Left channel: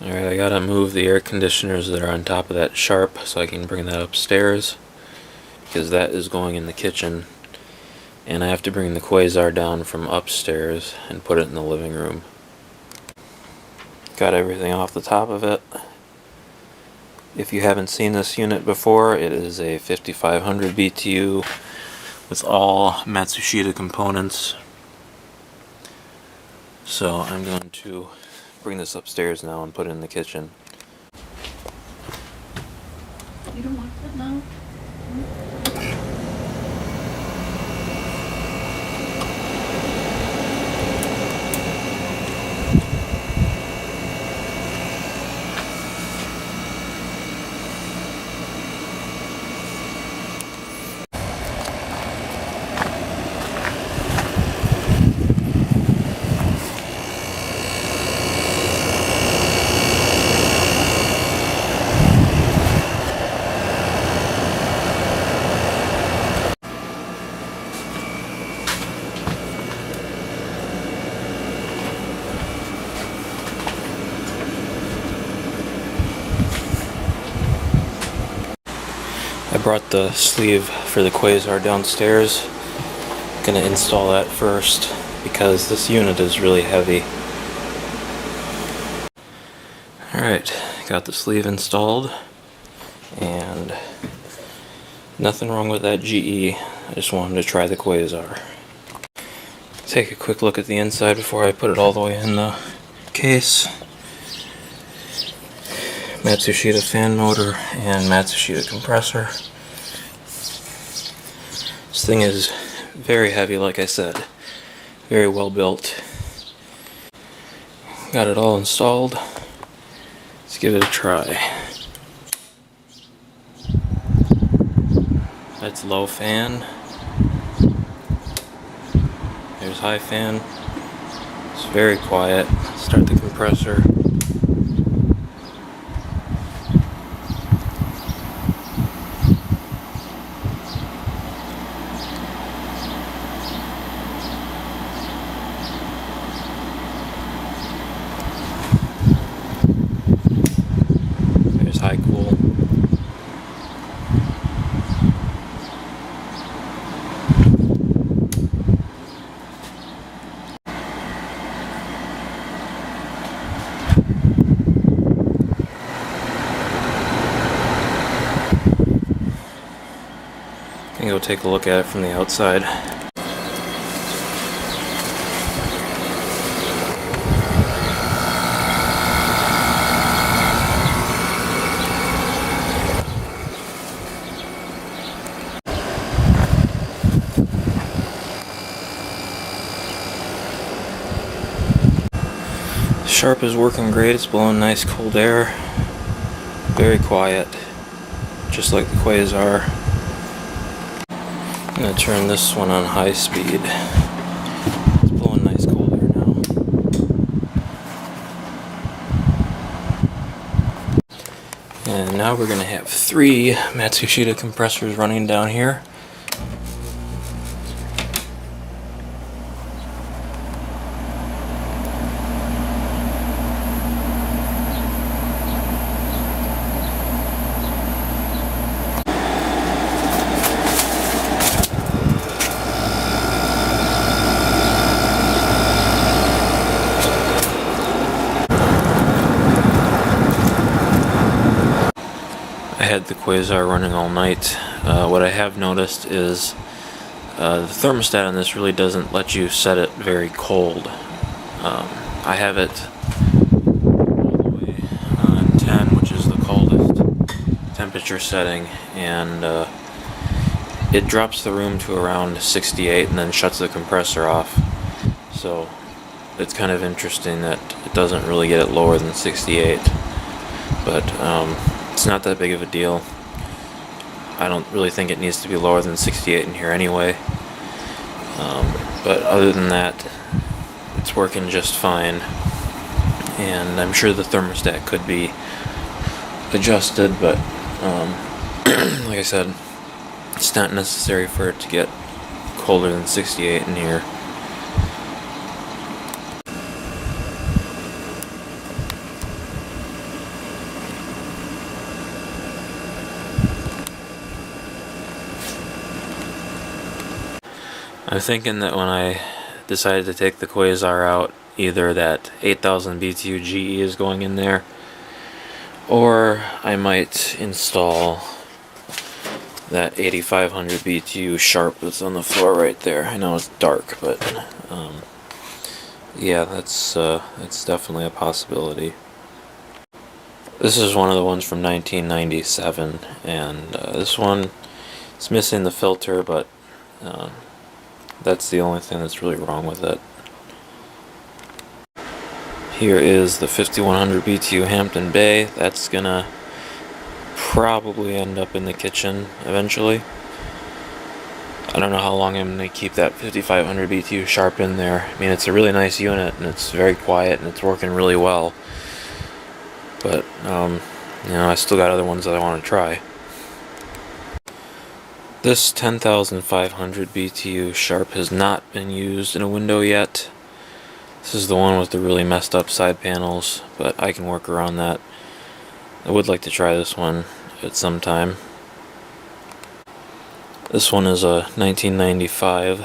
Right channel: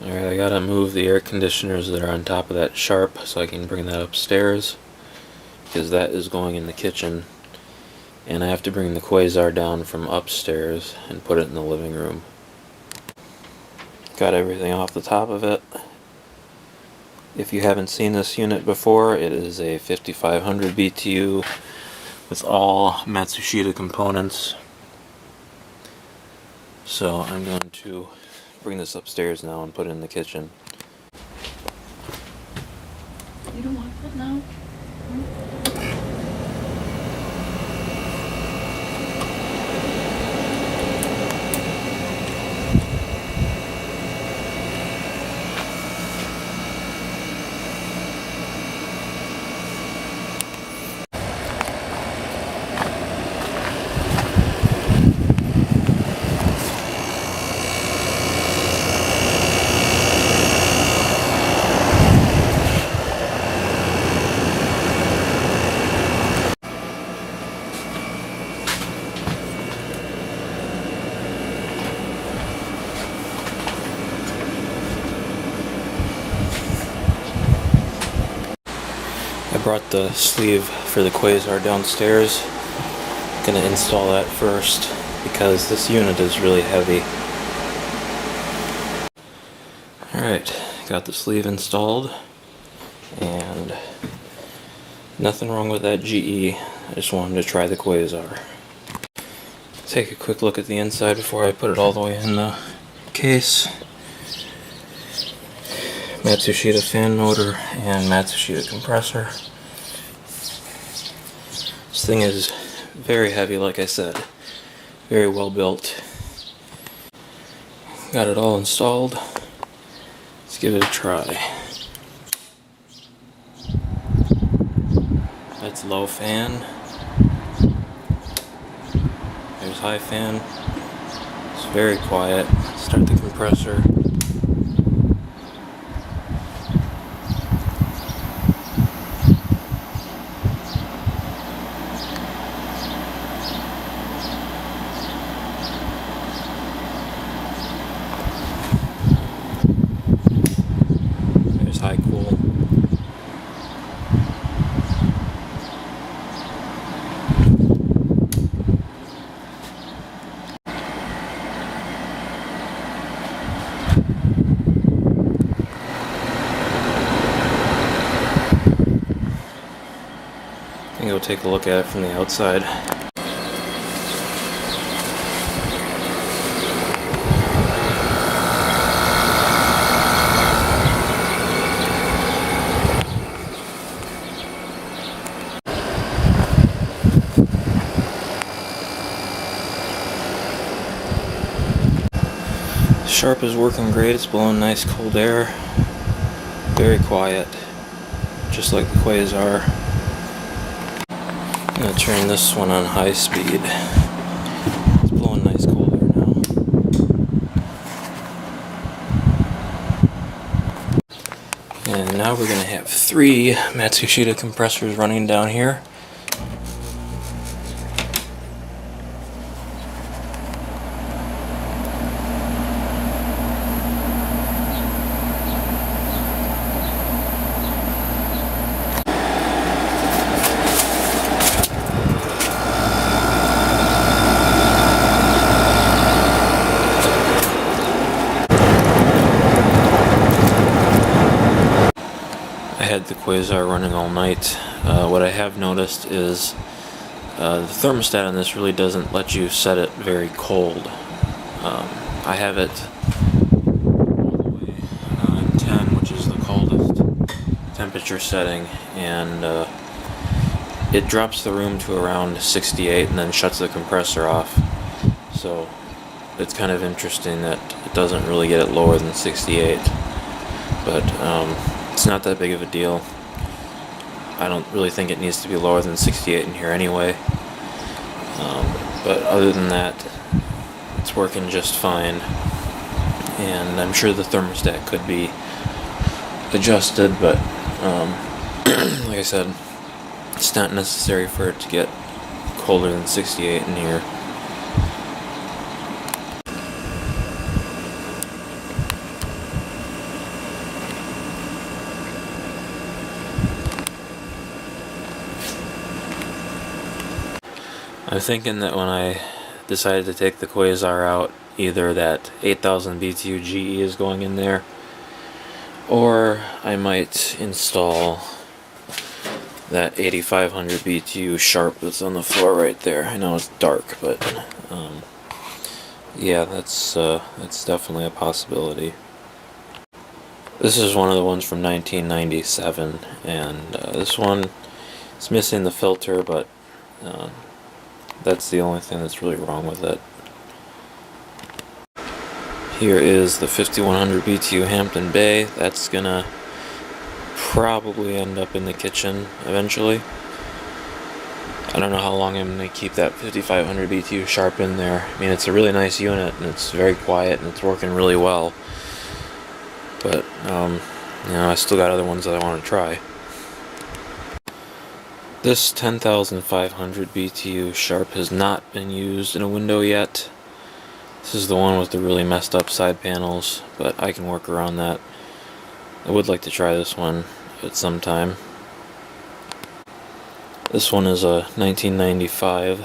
Alright, I gotta move the air conditioners that are on top of that Sharp so I can bring that upstairs, because that is going in the kitchen, and I have to bring the Quasar down from upstairs and put it in the living room. Got everything off the top of it. If you haven't seen this unit before, it is a 5500 BTU with all Matsushita components. So I'm going to bring this upstairs now and put it in the kitchen. You don't want that now? I brought the sleeve for the Quasar downstairs. Gonna install that first because this unit is really heavy. Alright, got the sleeve installed, and nothing wrong with that GE. I just wanted to try the Quasar. Take a quick look at the inside before I put it all the way in the case. Matsushita fan motor and Matsushita compressor. This thing is very heavy, like I said. Very well built. Got it all installed. Let's give it a try. That's low fan. There's high fan. It's very quiet. Start the compressor. There's high cool. I'm gonna go take a look at it from the outside. Sharp is working great. It's blowing nice cold air. Very quiet, just like the Quasar. I'm gonna turn this one on high speed. It's blowing nice cold air now. And now we're gonna have 3 Matsushita compressors running down here. I had the Quasar running all night. What I have noticed is the thermostat on this really doesn't let you set it very cold. I have it all the way on 10, which is the coldest temperature setting, and it drops the room to around 68 and then shuts the compressor off. So it's kind of interesting that it doesn't really get it lower than 68. But it's not that big of a deal. I don't really think it needs to be lower than 68 in here anyway. But other than that, it's working just fine. And I'm sure the thermostat could be adjusted, but like I said, it's not necessary for it to get colder than 68 in here. I'm thinking that when I decided to take the Quasar out, either that 8000 BTU GE is going in there, or I might install that 8500 BTU Sharp that's on the floor right there. I know it's dark, but yeah, that's definitely a possibility. This is one of the ones from 1997, and this one is missing the filter, but that's the only thing that's really wrong with it. Here is the 5100 BTU Hampton Bay. That's gonna probably end up in the kitchen eventually. I don't know how long I'm gonna keep that 5500 BTU Sharp in there. I mean, it's a really nice unit and it's very quiet and it's working really well. But you know, I still got other ones that I want to try. This 10,500 BTU Sharp has not been used in a window yet. This is the one with the really messed up side panels, but I can work around that. I would like to try this one at some time. This one is a 1995